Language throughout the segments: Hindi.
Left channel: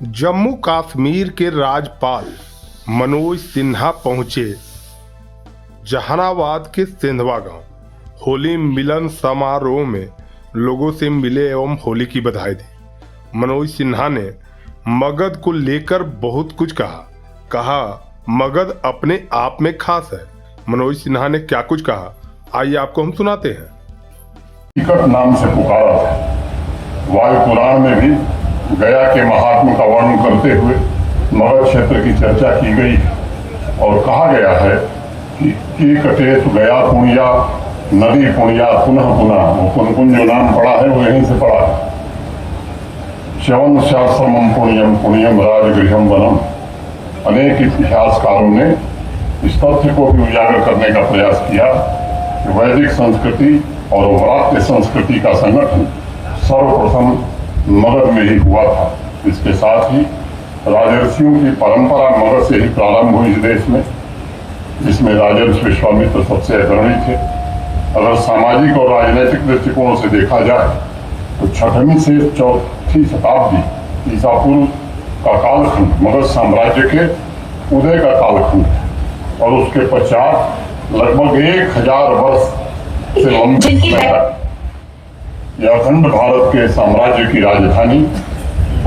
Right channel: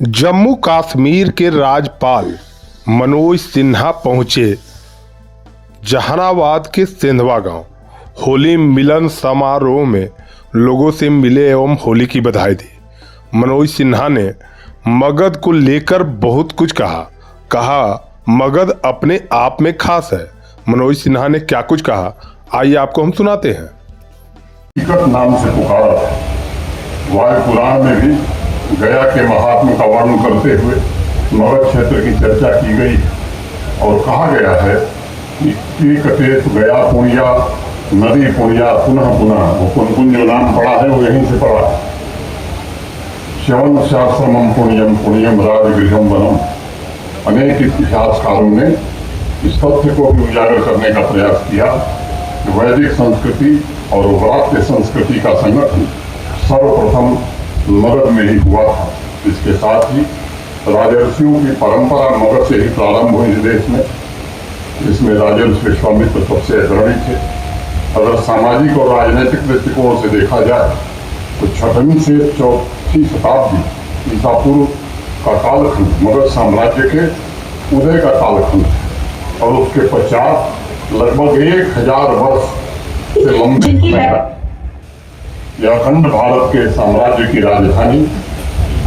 जम्मू कश्मीर के राज्यपाल मनोज सिन्हा पहुंचे जहानाबाद के सेंधवा गांव। होली मिलन समारोह में लोगों से मिले एवं होली की बधाई दी। मनोज सिन्हा ने मगध को लेकर बहुत कुछ कहा मगध अपने आप में खास है। मनोज सिन्हा ने क्या कुछ कहा, आइए आपको हम सुनाते हैं। टिकट नाम से पुकारा था। वायु पुराण में भी गया के महात्मा का वर्णन करते हुए मगध क्षेत्र की चर्चा की गई और कहा गया है कि कटेश गया पुण्या नदी पुण्या पुनः पुनः, पुनपुन जो नाम पड़ा है वो यहीं से पड़ा है। श्रवण शास्त्रम पुण्यम पुण्यम राजगृहम वनम। अनेक इतिहासकारों ने इस तथ्य को भी उजागर करने का प्रयास किया कि वैदिक संस्कृति और वाद्य संस्कृति का संगठन सर्वप्रथम मगध में ही हुआ था। इसके साथ ही राजर्षियों की परंपरा मगध से ही प्रारंभ हुई इस देश में, जिसमें राजर्षि विश्वामित्र सबसे अग्रणी थे। अगर सामाजिक और राजनीतिक दृष्टिकोणों से देखा जाए तो 6वीं से 4वीं शताब्दी ईसा पूर्व का कालखंड मगध साम्राज्य के उदय का कालखंड है और उसके पश्चात लगभग 1000 वर्ष से यह अखंड भारत के साम्राज्य की राजधानी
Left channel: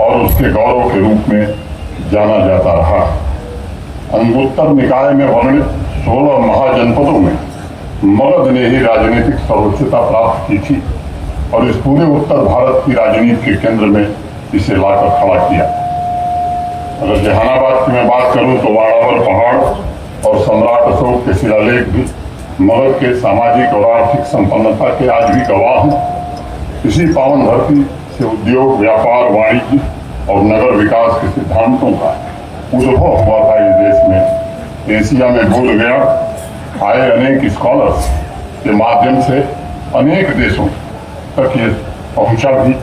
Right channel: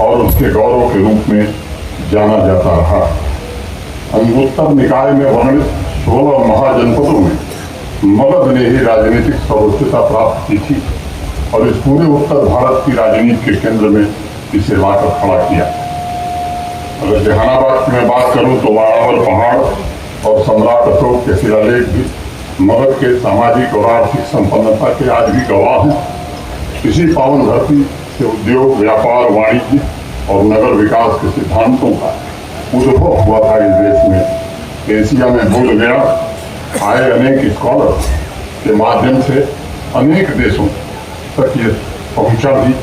और उसके गौरव के रूप में जाना जाता रहा। अंगुत्तर निकाय में वर्णित 16 महाजनपदों में मगध ने ही राजनीतिक सर्वोच्चता प्राप्त की थी और इस पूरे उत्तर भारत की राजनीति के केंद्र में इसे लाकर खड़ा किया। अगर जहानाबाद की मैं बात करूं तो अरावल पहाड़ और सम्राट अशोक के शिलालेख भी मगध के सामाजिक और आर्थिक संपन्नता के आज भी गवाह हैं। इसी पावन धरती से उद्योग, व्यापार, वाणिज्य और नगर विकास के सिद्धांतों का उद्भव हुआ था इस देश में। एशिया में भूल गया आए अनेक स्कॉलर्स के माध्यम से अनेक देशों तक ये पहुंचा भी।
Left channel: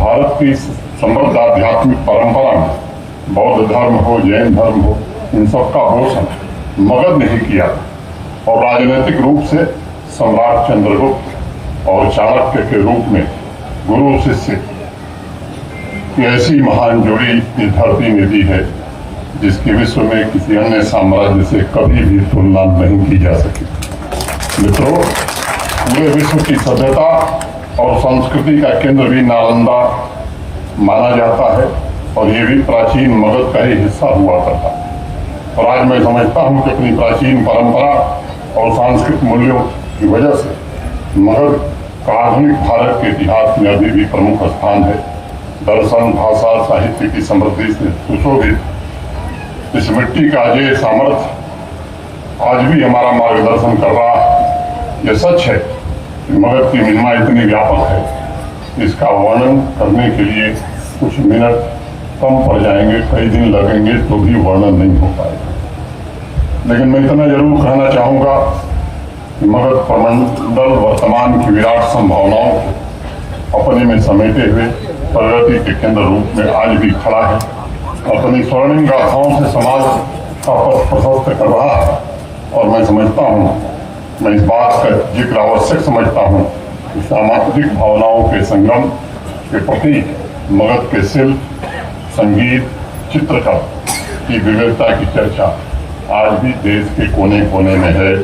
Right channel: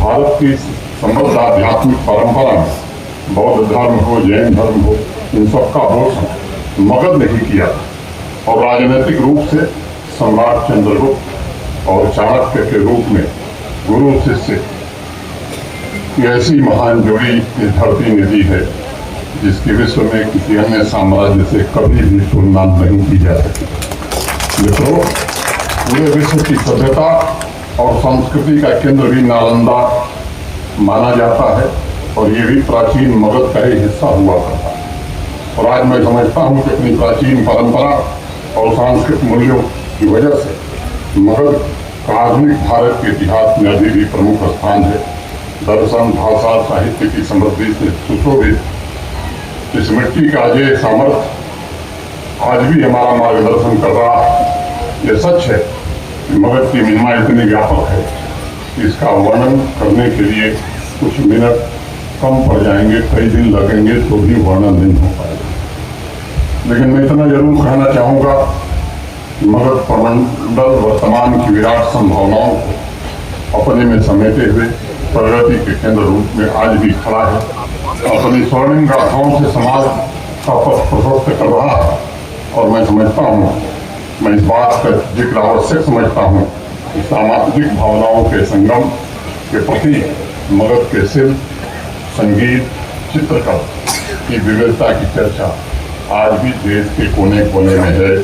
भारत की समृद्ध आध्यात्मिक परंपरा में बौद्ध धर्म हो, जैन धर्म हो, इन सबका पोषण मगध ने ही किया और राजनीतिक रूप से सम्राट चंद्रगुप्त और चाणक्य के रूप में गुरु शिष्य की ऐसी महान जोड़ी इस धरती ने दी है जिसकी विश्व में किसी अन्य साम्राज्य से कभी भी तुलना नहीं की जा सकती। मित्रों, ये विश्व की सभ्यता और संस्कृति का केंद्र भी नालंदा माना जाता है और ये भी प्राचीन मगध का ही हिस्सा हुआ करता है। और आज मैं समझता हूँ कि अपनी प्राचीन परंपरा और सांस्कृतिक मूल्यों की वजह से मगध आधुनिक भारत के इतिहास में अभी भी प्रमुख स्थान है। दर्शन, भाषा, साहित्य की समृद्धि से सुशोभित इस मिट्टी का अजय सामर्थ्य आज भी हमारा मार्गदर्शन कर रहा है। यह सच है कि मगध की महिमा इतनी व्यापक है, इसका वर्णन करने के लिए कुछ मिनट कम पड़ जाएंगे, कई दिन लगेंगे तो भी वर्णन नहीं हो पाएगा। लेकिन मैं इतना जरूर कहना चाहूँगा कि मगध प्रमंडल वर्तमान की विराट संभावनाओं को अपने में समेटे हुए प्रगति के केंद्र रूप में आज भी खड़ा है। अपनी स्वर्णिम गाथाओं से समाज का पथ प्रशस्त कर रहा है और मैं समझता हूँ, मैं इस बात का जिक्र आवश्यक समझता हूँ कि सामाजिक भावनाओं के संगम के प्रति मगध के शिल्प, संगीत, चित्रकला की विविधता की चर्चा आज भी देश के कोने कोने में है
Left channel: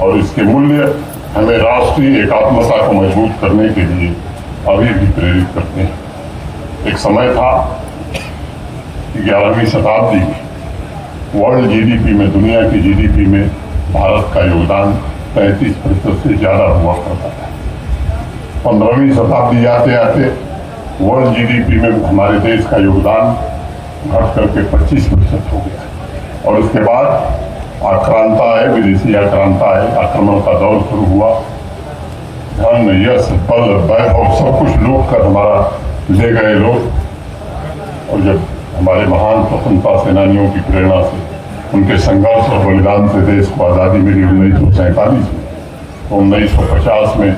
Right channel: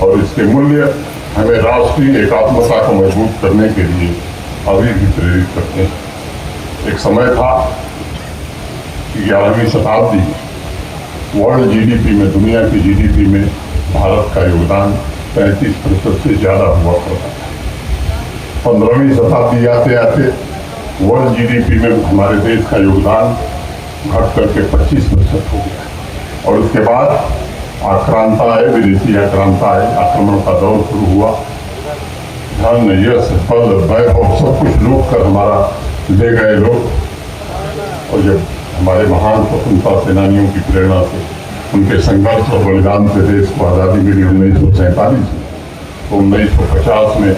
और इसके मूल्य हमें राष्ट्रीय एकात्मता को मजबूत करने के लिए अभी भी प्रेरित करते हैं। एक समय था कि 11वीं शताब्दी में वर्ल्ड जीडीपी में, दुनिया की जीडीपी में भारत का योगदान 35% से ज्यादा हुआ करता था। 15वीं शताब्दी आते आते वर्ल्ड जीडीपी में हमारे देश का योगदान घट करके 25% हो गया और उसके बाद आक्रांता है, विदेशी आक्रांता है, आक्रमण का दौर शुरू हुआ। धन, यश, बल, वैभव सब कुछ लूट कर हमारा ले गए लोग। और जब हमारे महान स्वतंत्रता सेनानियों की प्रेरणा से, उनके संघर्ष और बलिदान से देश को आज़ादी मिली 1947 में, तो 1950 में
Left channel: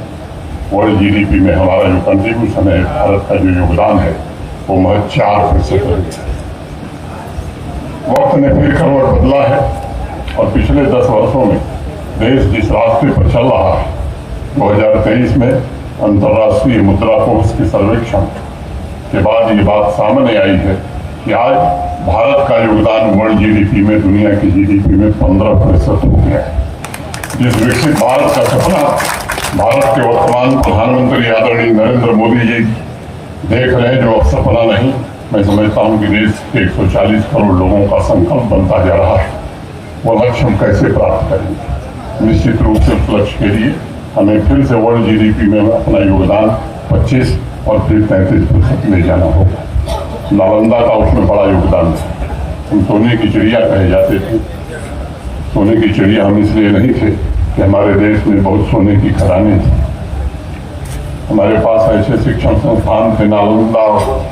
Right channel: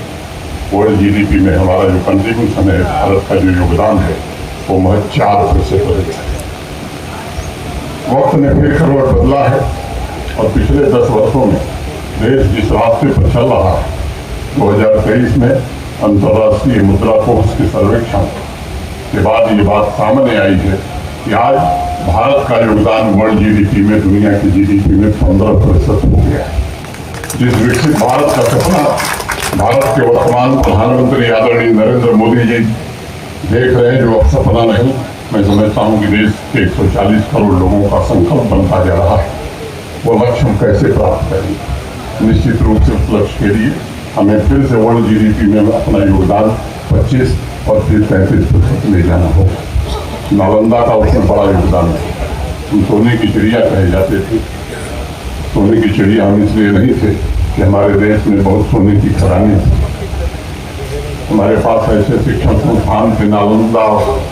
वर्ल्ड जीडीपी में हमारा जो कंट्रीब्यूशन है, भारत का जो योगदान है, वो महज 4% हो गया। वक्त ने फिर करवट बदला है और पिछले 10 वर्षों में देश जिस रास्ते पर चल रहा है, 2023 में अंतर्राष्ट्रीय मुद्रा कोष के सर्वेक्षण के बाद ये बात सामने आई है कि आज भारत का योगदान वर्ल्ड जीडीपी में, दुनिया की जीडीपी में 15% हो गया है। जिस विकसित भारत का सपना भारत के वर्तमान प्रधानमंत्री आदरणीय नरेंद्र मोदी जी देख रहे हैं, जो अब सपना नहीं, मैं समझता हूं कि देश के 140 करोड़ लोगों का संकल्प बनता जा रहा है। वो लक्ष्य हम कैसे प्राप्त करेंगे? निश्चित रूप से उस लक्ष्य के लिए हमें फिर से वर्ल्ड जीडीपी में अपना योगदान 25 और फिर 33% ले जाना होगा। नालंदा का उसमें बड़ा योगदान है। हम सोने की चिड़िया कहे जाते थे। सोने की चिड़िया हम इसलिए नहीं थे कि हमारे देश में बहुत सोने की खदानें थी। हमारे पास ऐसे शिक्षण संस्थान थे नालंदा, और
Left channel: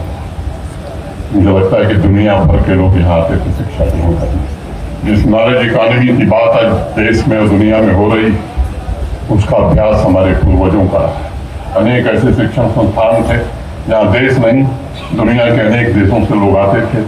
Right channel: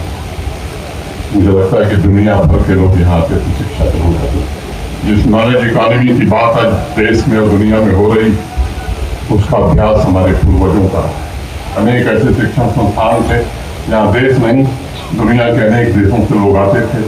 मुझे लगता है कि दुनिया भर के लोग यहाँ आते थे शिक्षा ग्रहण करने। जिस नॉलेज इकोनॉमी की बात आज देश में और दुनिया में हो रही, उसका अभ्यास हमारे पूर्वजों का है। अनेक ऐसे शिक्षण संस्थान थे जहाँ देश नहीं, दुनिया के अनेक देशों से लोग आते थे।